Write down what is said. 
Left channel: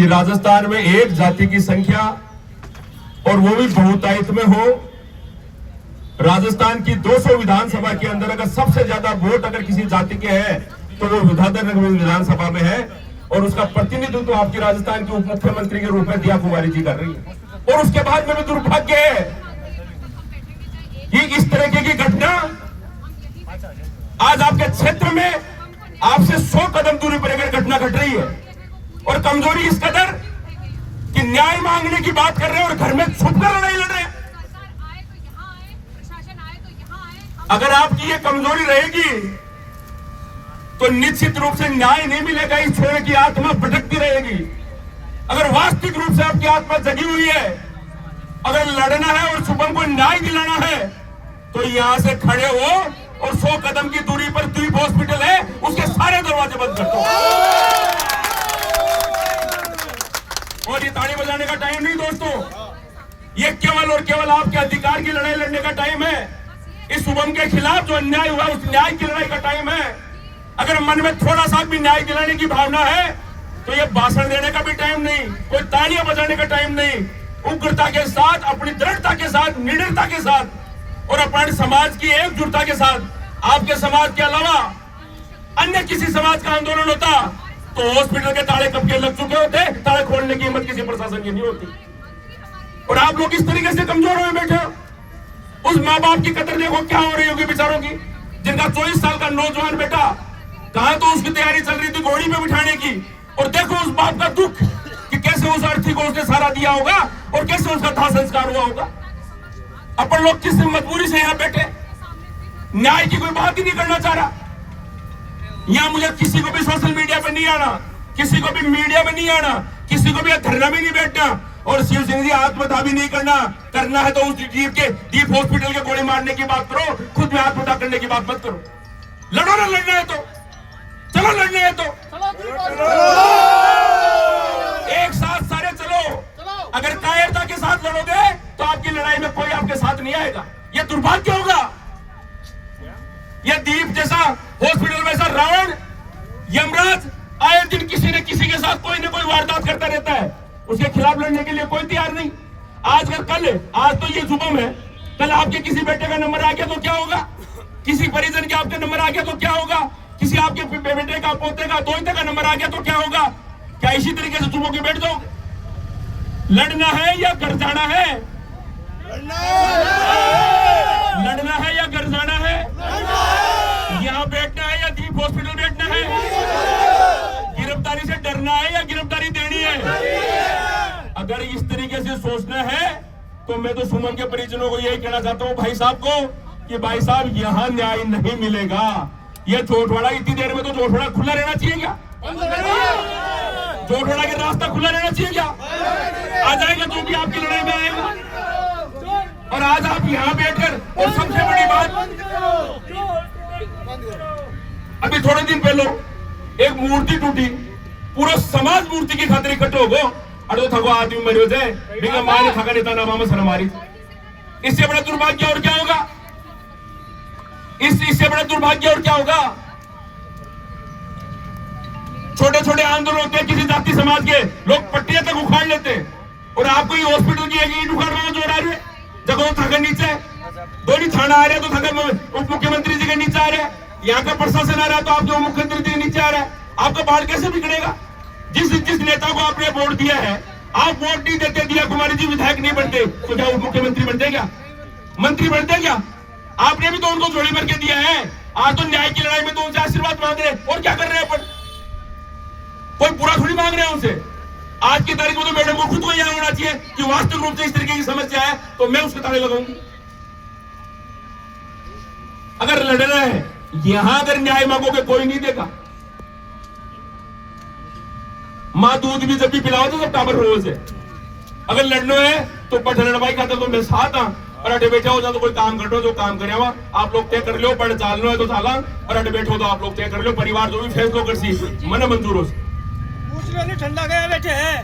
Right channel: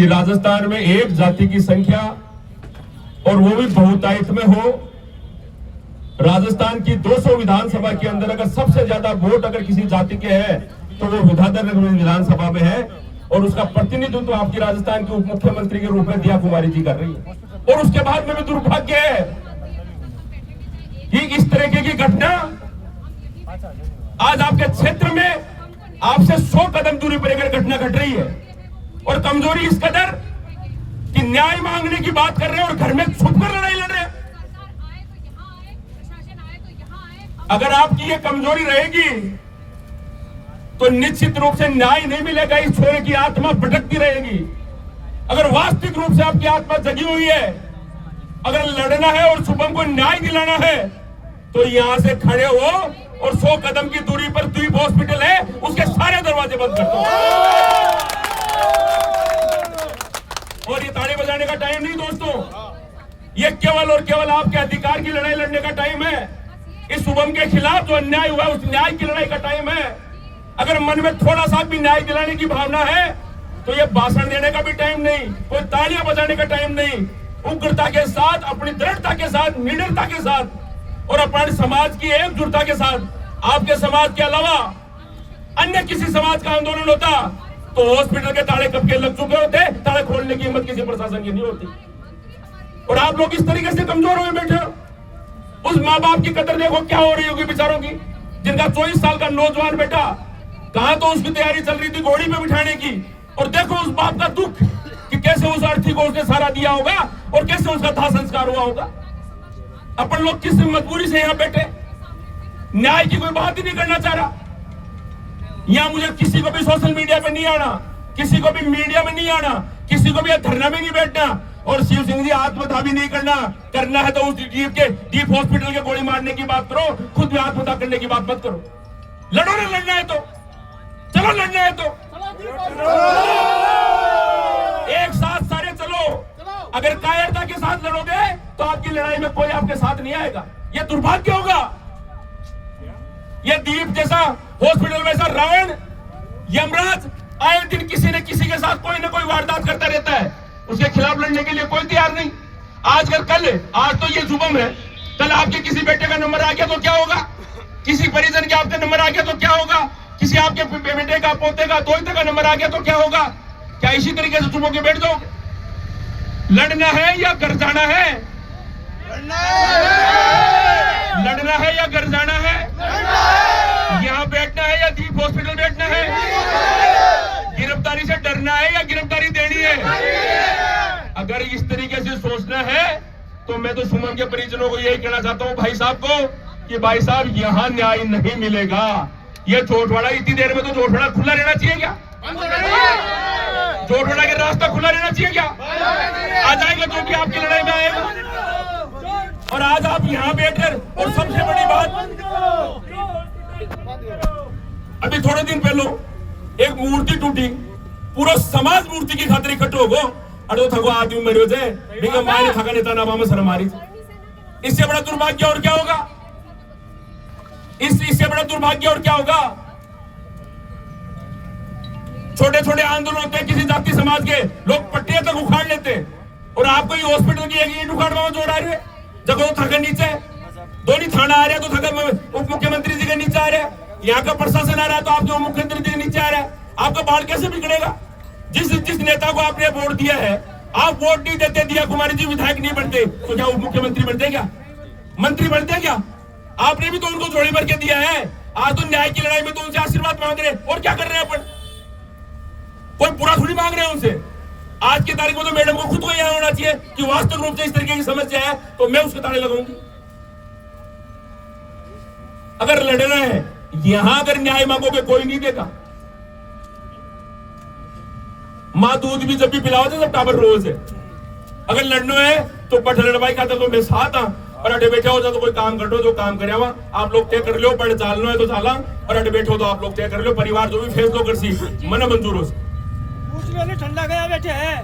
कि राजस्थान में एक जाति की संख्या और वो भी बहुतायत में हो। राजस्थान की 200 विधानसभा के अंदर अगर सबसे ज्यादा वोट अगर किसी जाति के हैं तो वो विधाननगर विधानसभा में है, और उसका प्रतिनिधित्व तो आपकी राजस्थान के उप मुख्यमंत्री के रूप में दिया कुमारी जी कर रही है। और उसके बाद में भी दुर्भाग्य है कि इस तरीके की घटना आज आपके क्षेत्र में आपसे 100 कदम दूरी पर एक घटना घट रही है, और कमजोरी इस कदर कि न्याय मांगने की बात कर रहे हैं और घर में छुपकर लड़ाई लड़ रहे हैं। अगर आपकी ये कमजोरी रहेगी तो निश्चित रूप से न्याय नहीं मिलेगा, इस छोरे की आत्मा भटकती रहेगी। अगर वास्तविक रूप से आपकी आत्मा जगी हुई है, अगर लड़ना है और शुभम को न्याय दिलाना है, तो यहां से खड़े हो और 100 कदम की दूरी पर द्वीप हॉस्पिटल है, उसके सारे दरवाजे बंद कर दो। और ये ताड़ी बजाने का टाइम नहीं दोस्तों, ये केवल और केवल आपके अधिकार की लड़ाई लड़ने का टाइम है। इस शुभम के खिलाफ जो अन्याय हुआ उस न्याय की लड़ाई का टाइम है। अगर मन में थोड़ा सा भी न्याय दिलाने की भावना है तो ये भाषण देने का भी टाइम नहीं, कोई तालियां बजाने का टाइम नहीं। उग्रता के साथ, अपनी दृढ़ता के साथ, निडरता के साथ और अपने समाज की एकजुटता के साथ, आपके समाज के अलावा अन्य किसी समाज का आंदोलन होता तो हॉस्पिटल के ताले कब के लग चुके होते, ताले खोलने की हिम्मत किसी प्रशासन की नहीं होती। और आप लोग इस तरीके से कमजोर हुए बैठे हो। उस माँ बाप की कदर देखो क्या हो रही होगी बेचारों की, जिनका 24 साल का नौजवान बेटा, कहा तो उसकी तैयारी चल रही थी घोड़ी पे बिठाने की, और देखो उस बाप का दुख कि कैसे उस अर्थी को उसने सारा दिया होगा और कैसे उसका दाह संस्कार हुआ होगा। अपन लोग किस मजबूरी से यहाँ बैठे, न्याय की कोई बात ही नहीं करना चाह रहा। यहाँ मुझे किसी को भी सोशल मीडिया पे नहीं आना, किसी को भी मीडिया में नहीं आना, किसी को भी धरना में नहीं बैठना, और शिव सिंह जी आत्मदाह भी नहीं करना है तो उस डीप हॉस्पिटल के गोली मारने की बात करो, खुद में आत्मदाह करने की बात मत करो। लड़ो ना, लड़ना है तो चलो, लड़ना है तो एक साथ सारे चलो। अगर कायरता के साथ लड़ोगे तो आपकी लड़ाई में कोई आपके साथ नहीं आएगा। यह दुर्भाग्य होगा। यह दीप जैसा हॉस्पिटल में रावण यमराज आए दिन किसी न किसी के साथ कोई ना कोई वारदात करता रहता है, उसके खिलाफ लड़ने के लिए कोई तैयार नहीं। आज तो ये शुभम है, कल आपके किसी बेटे का नंबर आ गया तो क्या होगा, किसी परिजन के आपके नंबर आ गया तो क्या होगा, किसी आपके बेटे का, पोते का, दोते का नंबर आ गया तो क्या होगा। क्या इसी तरीके से चुप के बैठ जाओगे? लड़ना है या घर जाना है? लड़ना है या घर जाना है? यहाँ बैठना है या दीप हॉस्पिटल बैठना है? गिरफ्तारी से डरना है या गिरफ्तारी देनी है? अगर इस तरीके से सोचना है तो मैं तो सुमन के परिजनों को यही कहना चाहता हूँ, भाई साहब को, कि भाई साहब यहाँ न्याय नहीं मिलेगा। ये जोटवाड़ा इतनी देर में तो जोटवाड़ा खुला रहना चाहिए क्या? जोटवाड़ा के रास्ता खुला रहना चाहिए क्या? आ जाएगा जो भी आपकी लड़ाई में आएगा। और आज आप यहाँ बैठकर, और सबसे बड़ी बात, अभी थोड़े दिन पहले एक मूर्ति टूटी, पूरा समाज मूर्ति की खातिर इकट्ठे हो गो, अड़ो थको आदमी मरियो जाए, बिना मायने थका नेता ना मामा सर मारी। इससे बड़ा दुर्भाग्य और क्या होगा? इससे बड़ा दुर्भाग्य और क्या होगा? छोटे छोटे आंदोलन होते हैं किसी जाति समाज के, लोग पट्टियां तक उखाड़ लेते हैं, और आपको ये हॉस्पिटल की एक ईंट उखाड़ जो आ रही है, जगह थका नीचे दोनों थाना आ रहे हैं तो थका उप मुख्यमंत्री जी के नीचे आ रहे हैं, यहाँ का प्रशासन आ रहा है तो आपके उप मुख्यमंत्री जी के नीचे आ रहा है। आपका बाढ़ कैसे बिगड़ेगा? जिस नेता को आपने वोट दिया है, आप वोट नहीं देते, दिया कुमारी जी विधायक नहीं बनते तो क्या उप मुख्यमंत्री बनते क्या? मंत्री बनते क्या? आपने भी तो उनको झोली भर के दिया है। आज तो न्याय की लड़ाई में तो उनसे आशीर्वाद मांग रहे हैं, और क्या कर रहे हैं अपन? कोई बुरा थोड़ी मांग रहे हैं उनसे। आज की तारीख में तो मैडम को खुद को यहां होना चाहिए कि वास्तविक रूप से इस तरीके की समस्या है तो मैं उसके ताले लगाऊंगी। अगर लड़ना है, यहां अगर न्याय मांगोगे कोई नहीं देगा। मां दूध भी जब भी पिलाओ तो जब टाबर रोज है। अगर लड़ना है तो पठ लड़वाई खाता तो मैं साथ हाँ, और अटे बैठे हो जाओ तो कोई काम कर लो, जो काम करे हुआ आप लोग तय कर लो, पढ़ चाल लो है तो चाला, और अटे बैठो तो आप लोग तय कर लो, परिवार जो भी फैसलो कर सी मन मंजूर हो। ठंडा गया बैठे है।